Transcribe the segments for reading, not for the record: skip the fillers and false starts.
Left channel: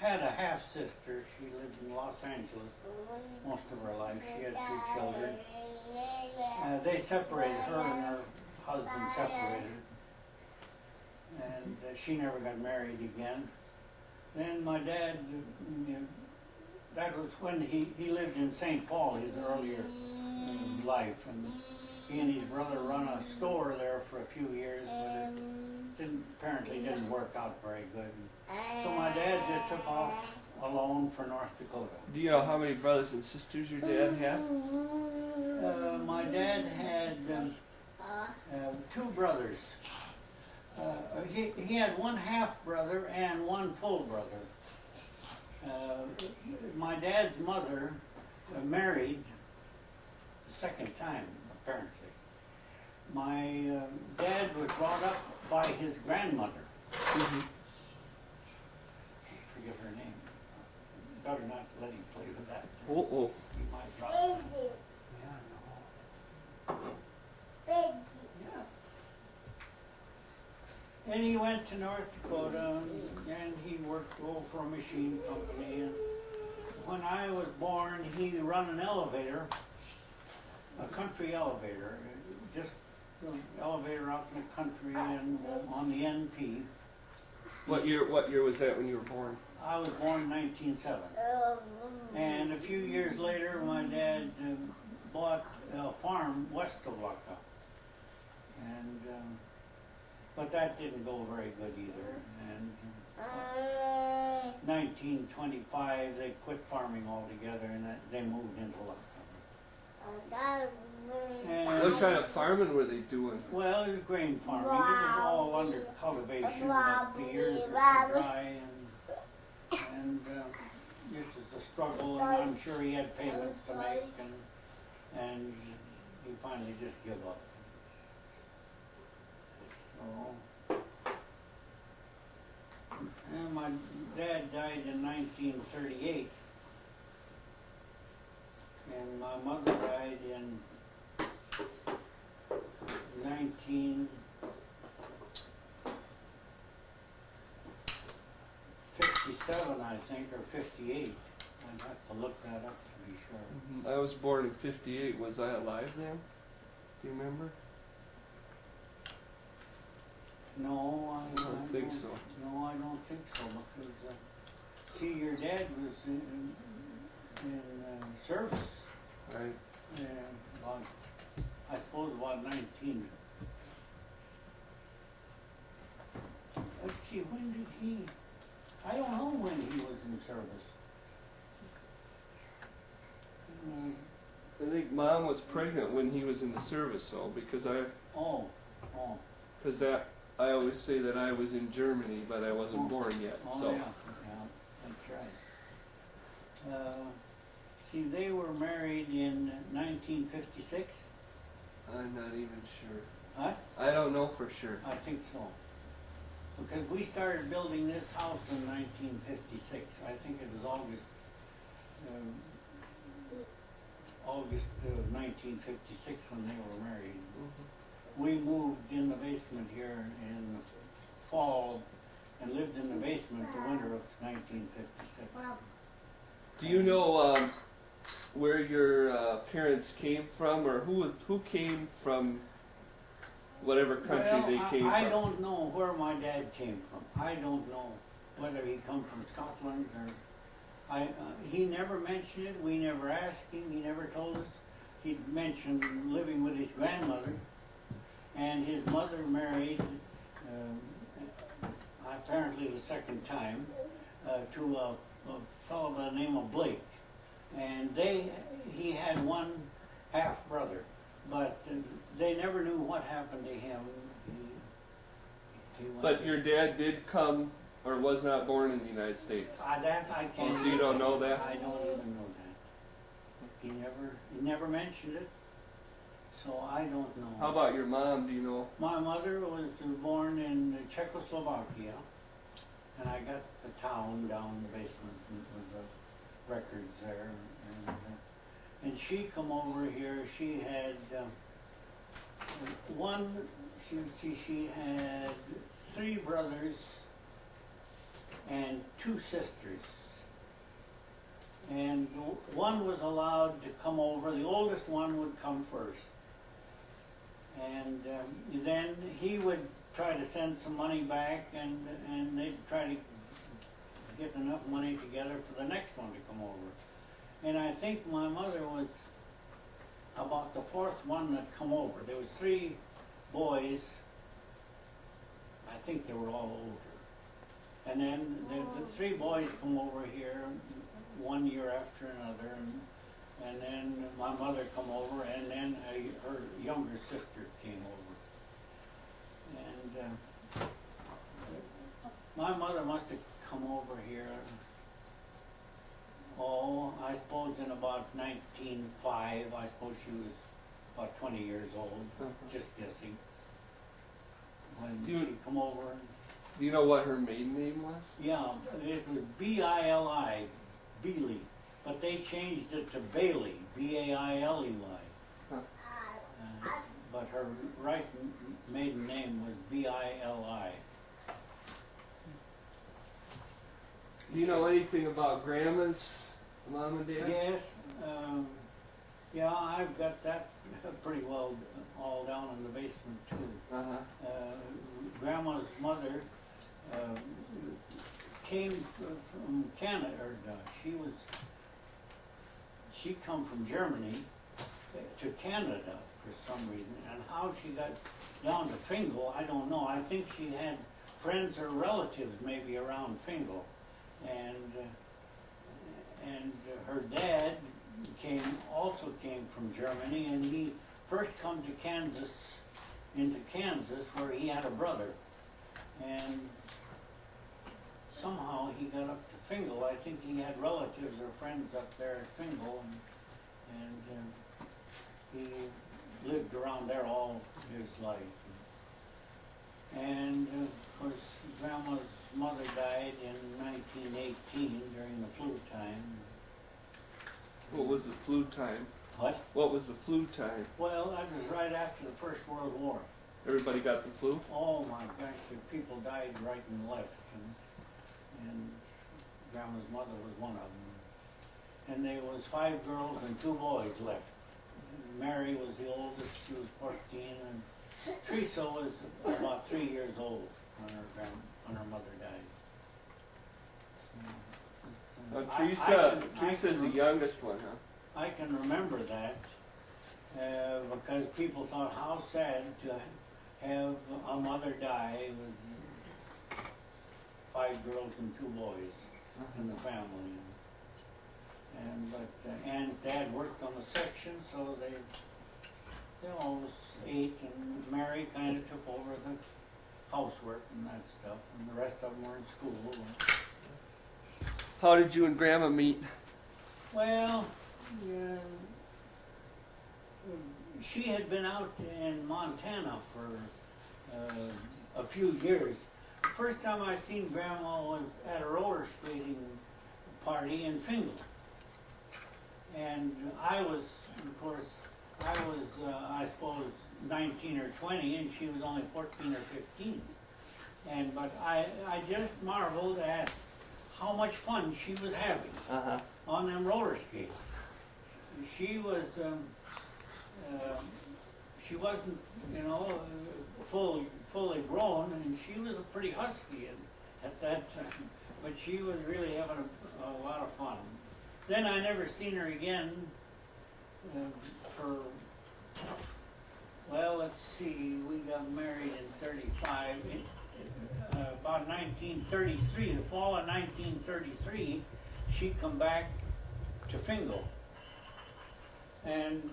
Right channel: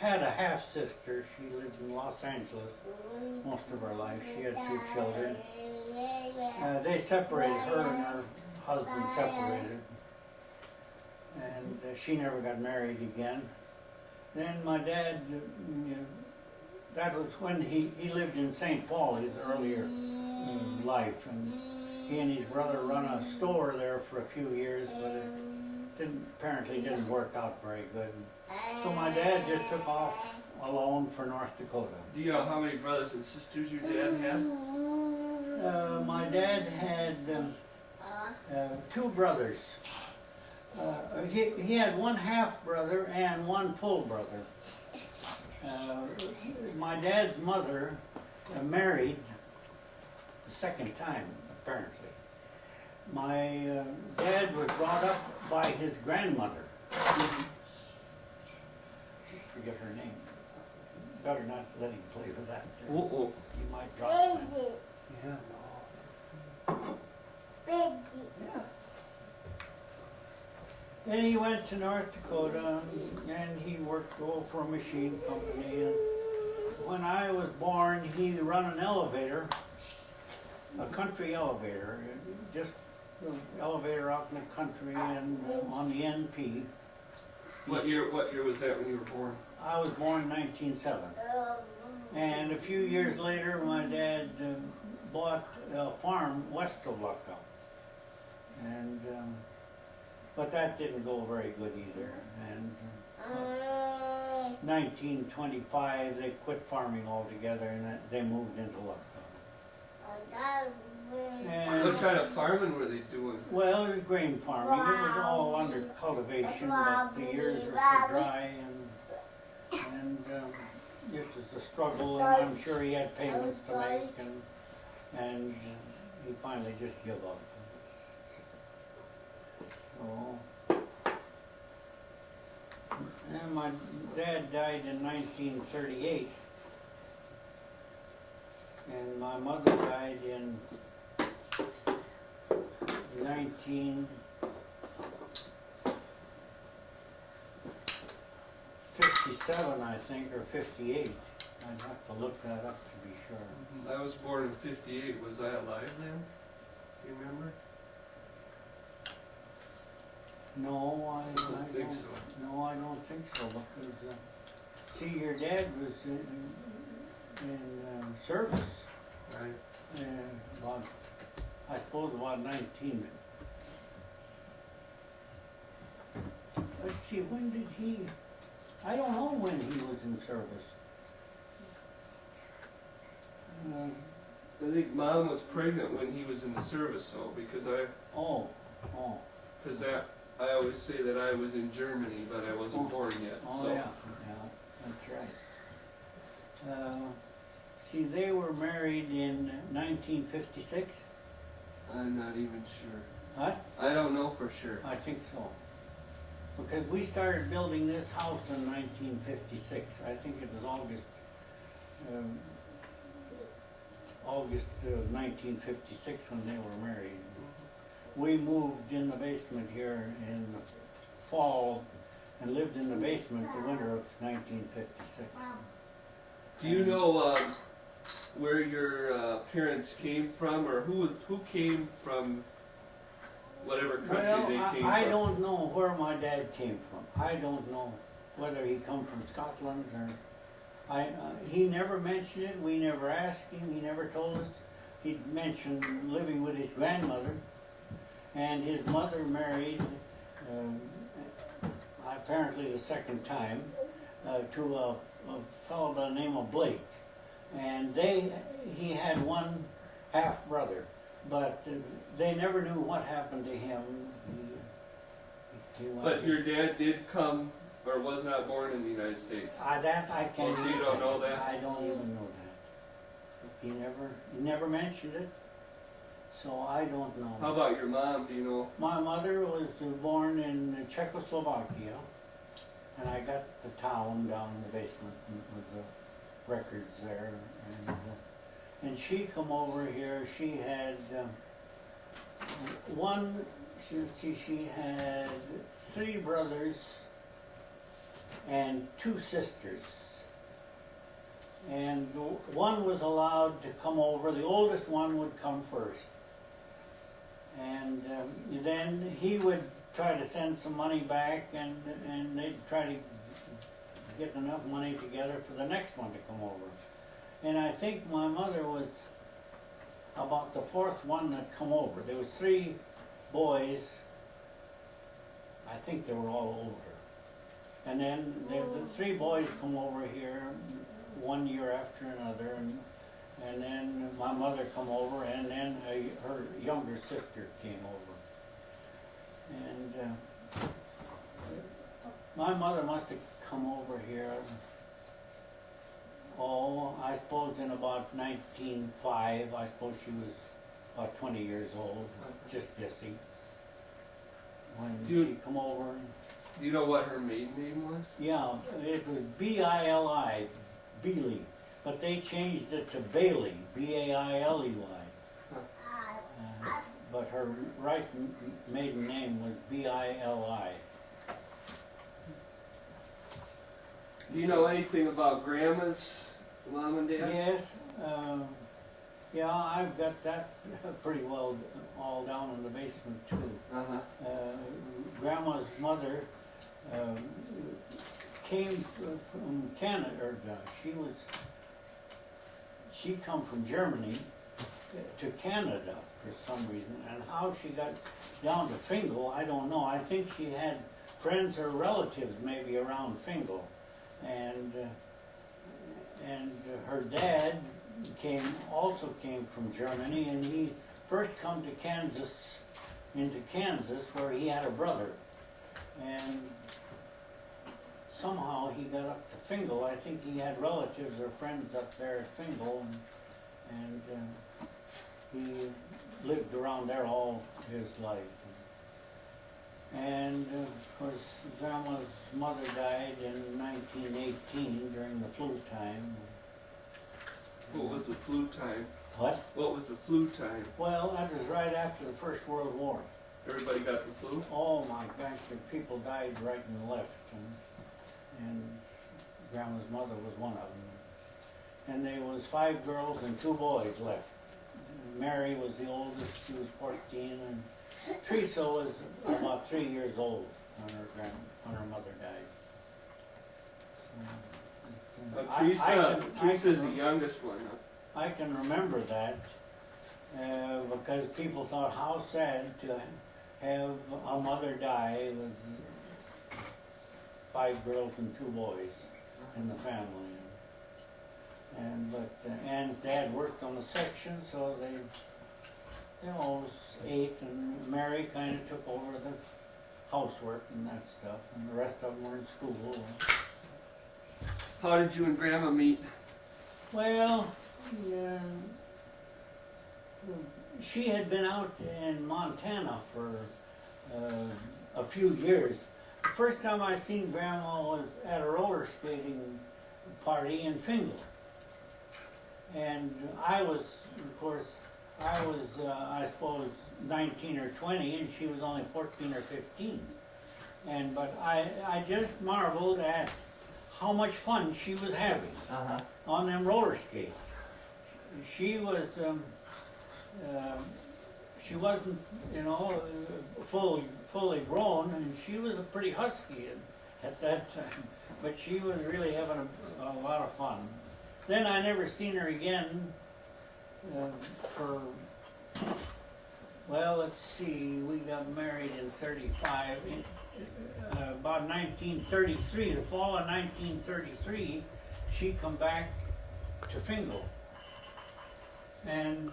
had a half-sister. She lived in Los Angeles most of her life. She had 2 children. They separated, her and her husband separated. And she never got married again. Then my dad, that was when he lived in St. Paul, his earlier life. And he and his brother run a store there for a few years, but it apparently didn't work out very good. So my dad just took off alone for North Dakota. Do you know how many brothers and sisters your dad had? My dad had 2 brothers. He had 1 half brother and 1 full brother. My dad's mother married the 2nd time, apparently. My dad was brought up by his grandmother. I forget her name. Better not let him play with that. He might drop it. Yeah, no. Yeah. Then he went to North Dakota and he worked for a machine company. And when I was born, he ran an elevator, a country elevator, just an elevator out in the country and on the NP. What year was that when you were born? I was born in 1907. And a few years later, my dad bought a farm west of Lucca. And but that didn't go very good either. And 1925, they quit farming altogether and they moved into Lucca. And What kind of farming were they doing? well, it was grain farming. It was all under cultivation, but the years were so dry and it was a struggle, and I'm sure he had payments to make, and he finally just gave up. So, and my dad died in 1938, and my mother died in 1957, I think, or 58. I'd have to look that up to be sure. I was born in 58. Was I alive then? Do you remember? No, I don't think so. No, I don't think so, because, see, your dad was in service. Right. About, I suppose about 19. Let's see, when did he, I don't know when he was in service. I think Mom was pregnant when he was in the service, though, because I always say that I was in Germany, but I wasn't born yet. Oh, so. yeah, that's right. See, they were married in 1956. I'm not even sure. Huh? I don't know for sure. I think so. Because we started building this house in 1956. I think it was August of 1956 when they were married. We moved in the basement here in the fall and lived in the basement the winter of 1956. Do you know where your parents came from, or who came from whatever country they came from? I don't know where my dad came from. I don't know whether he come from Scotland or... he never mentioned it. We never asked him. He never told us. He mentioned living with his grandmother, and his mother married, apparently the 2nd time, to a fellow by the name of Blake. And he had 1 half brother, but they never knew what happened to him. But your dad did come, or was not born in the United States? That I can't. Oh, so you don't know that? I don't even know that. He never mentioned it, so I don't know. How about your mom? Do you know? My mother was born in Czechoslovakia, and I got the town down in the basement with the records there, and she come over here. She had she had 3 brothers and 2 sisters. And one was allowed to come over. The oldest one would come first. And then he would try to send some money back, and they'd try to get enough money together for the next one to come over. And I think my mother was about the 4th one that come over. There was 3 boys. I think they were all older. And then the 3 boys come over here one year after another, and then my mother come over, and then her younger sister came over. And my mother must have come over here, I suppose in about 1905. I suppose she was about 20 years old, just guessing, when she come over. Do you know what her maiden name was? Yeah, it was B-I-L-I, Bealey, but they changed it to Bailey, B-A-I-L-E-Y. Huh. But her right maiden name was B-I-L-I. Do you know anything about Grandma's mom and dad? Yes, yeah, I've got that pretty well all down in the basement too. Grandma's mother came from Canada, or she come from Germany to Canada for some reason, and how she got down to Fingal, I don't know. I think she had friends or relatives maybe around Fingal, and her dad also came from Germany, and he first come to into Kansas, where he had a brother, and somehow he got up to Fingal. I think he had relatives or friends up there at Fingal, and he lived around there all his life. And of course, Grandma's mother died in 1918 during the flu time. What was the flu time? What? What was the flu time? Well, that was right after the First World War. Everybody got the flu? Oh my gosh, the people died right and left, and Grandma's mother was one of them. And there was 5 girls and 2 boys left. Mary was the oldest; she was 14, and Teresa was about 3 years old when her mother died. Teresa's the youngest one, huh? I can remember that because people thought how sad to have a mother die with 5 girls and 2 boys in the family. But Ann's dad worked on the section, so they ate, and Mary kind of took over the housework and that stuff, and the rest of them were in school. How did you and Grandma meet? Well, yeah, she had been out in Montana for a few years. The first time I seen Grandma was at a roller skating party in Fingal. And I was, of course, I suppose 19 or 20, and she was only 14 or 15. But I just marveled at how much fun she was having on them roller skates. She was, she wasn't, fully grown, and she was a pretty husky at that time. But she was really having a lot of fun. Then I never seen her again for, well, let's see, we got married in 35. About 1933, the fall of 1933, she come back to Fingal. And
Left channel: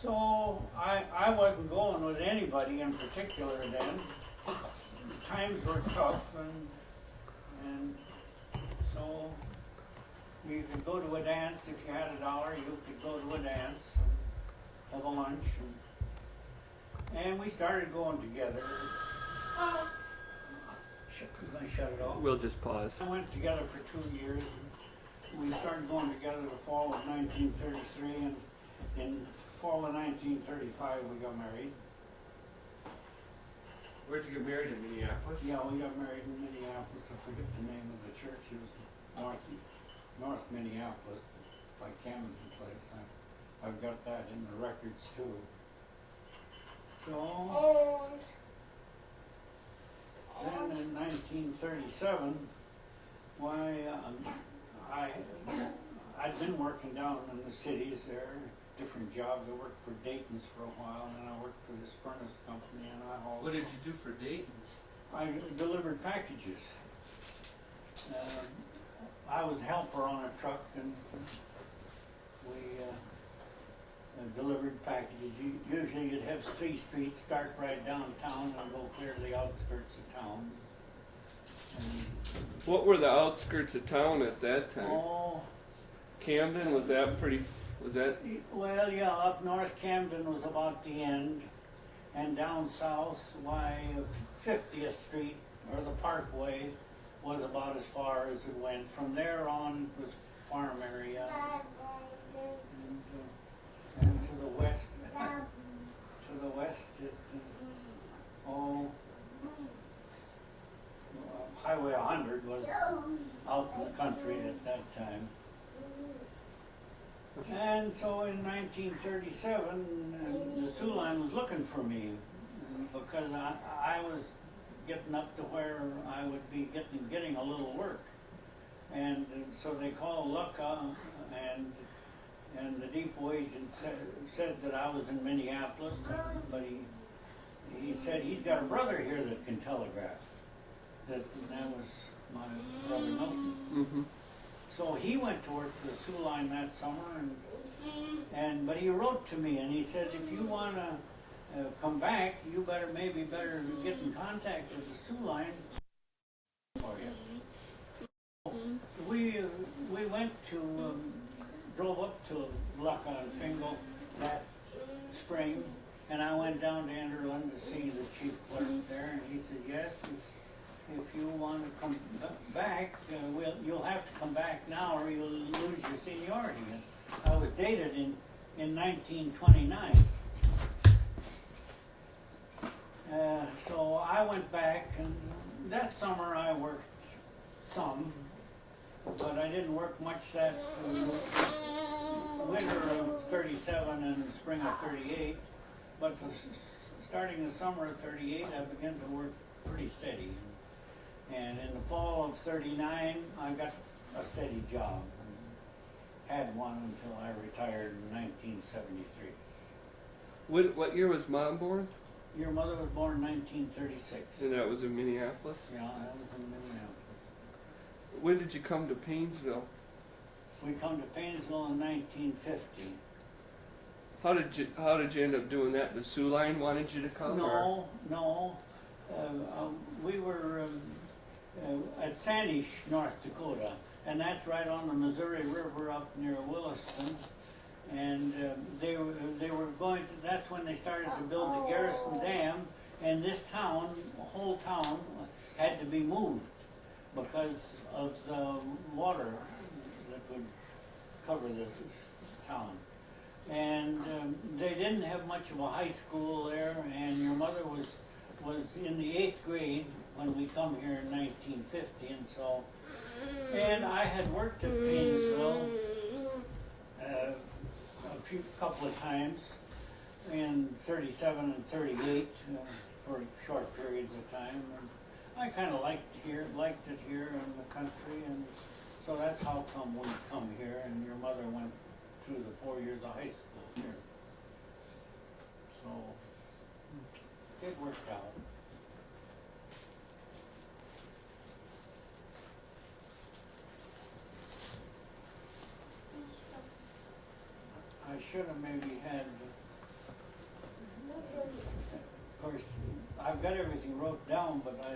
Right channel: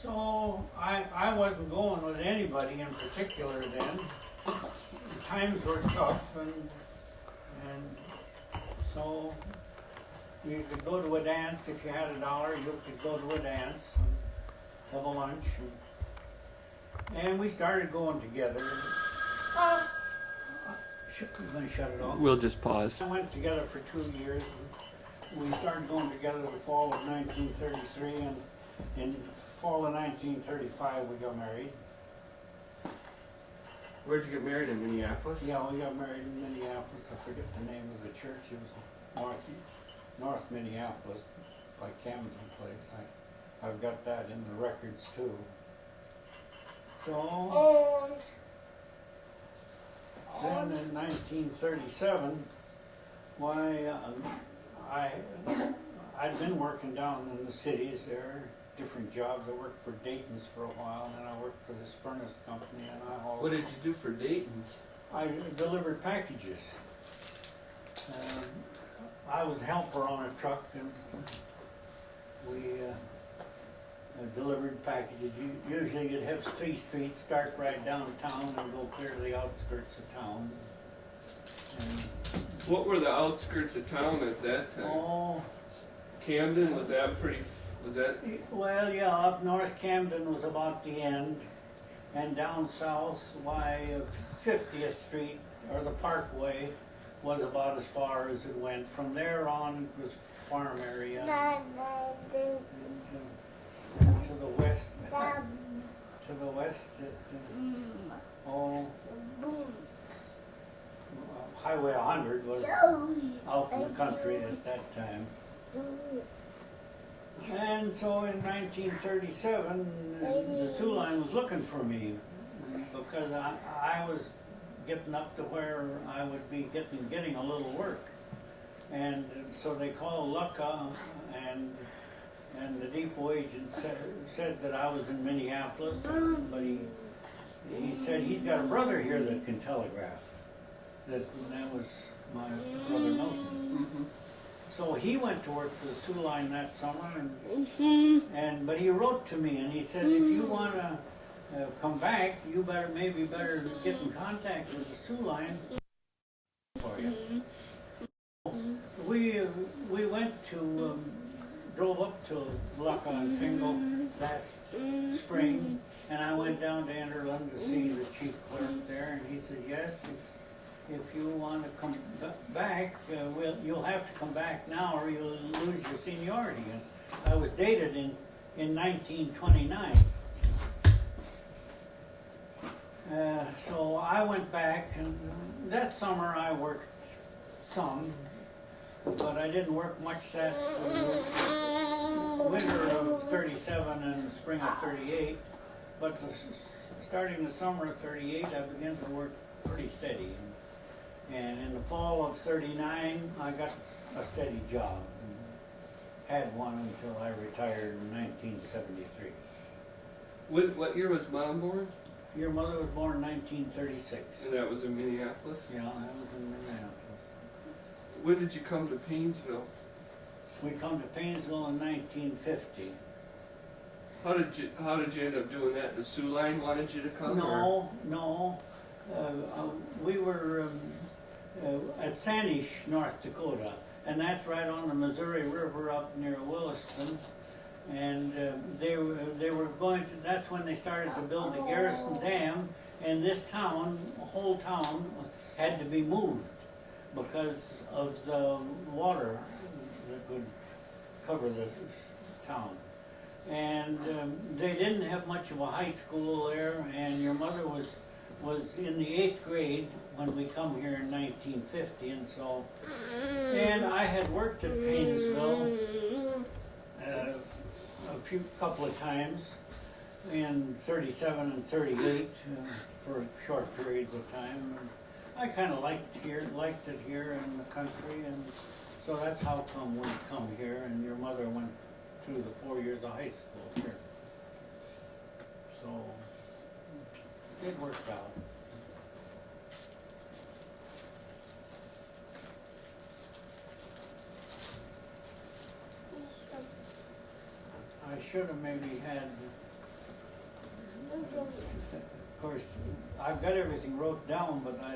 so I wasn't going with anybody in particular then. The times were tough, and so you could go to a dance if you had $1. You could go to a dance and have a lunch, and we started going together. We're going to shut it off. We'll just pause. I went together for 2 years. And we started going together the fall of 1933, and in fall of 1935 we got married. Where'd you get married, in Minneapolis? Yeah, we got married in Minneapolis. I forget the name of the church. It was North Minneapolis by Camden Place. I've got that in the records too. So then in 1937, why I'd been working down in the cities there, different jobs. I worked for Dayton's for a while, and then I worked for this furnace company, and I hauled. What did you do for Dayton's? I delivered packages. I was a helper on a truck, and we delivered packages. Usually you'd have 3 streets, start right downtown and go clear to the outskirts of town. And, What were the outskirts of town at that time? oh, Camden, was that pretty, was that, well, yeah, up north Camden was about the end, and down south, why, 50th Street, or the Parkway, was about as far as it went. From there on, it was farm area. And to the west, Highway 100 was out in the country at that time. And so in 1937, the Sioux Line was looking for me because I was getting up to where I would be getting a little work. And so they called Lucca, and the depot agent said that I was in Minneapolis, but he said he's got a brother here that can telegraph. That was my brother Milton. mm-hmm. So he went to work for the Sioux Line that summer, but he wrote to me and he said, if you want to come back, you better get in contact with the Sioux Line for you. We went to drove up to Lucca and Fingal that spring, and I went down to Enderlin to see the chief clerk there, and he says, yes, if you want to come back, you'll have to come back now or you'll lose your seniority. And I was dated in 1929. So I went back, and that summer I worked some, but I didn't work much that winter of 37 and spring of 38. But starting the summer of 38, I began to work pretty steady. And in the fall of 39, I got a steady job. Had one until I retired in 1973. What year was Mom born? Your mother was born in 1936. And that was in Minneapolis? Yeah, that was in Minneapolis. When did you come to Paynesville? We come to Paynesville in 1950. How did you end up doing that? The Sioux Line wanted you to come? No. We were at Sanish, North Dakota, and that's right on the Missouri River up near Williston. And they were going to. That's when they started to build the Garrison Dam, and this whole town, had to be moved because of the water that would cover the town. And they didn't have much of a high school there, and your mother was in the 8th grade when we come here in 1950, and I had worked at Paynesville a couple of times in 37 and 38 for short periods of time. And I kind of liked it here in the country, and so that's how come we come here. And your mother went through the 4 years of high school here, so it worked out. I should have maybe had, of course, I've got everything wrote down, but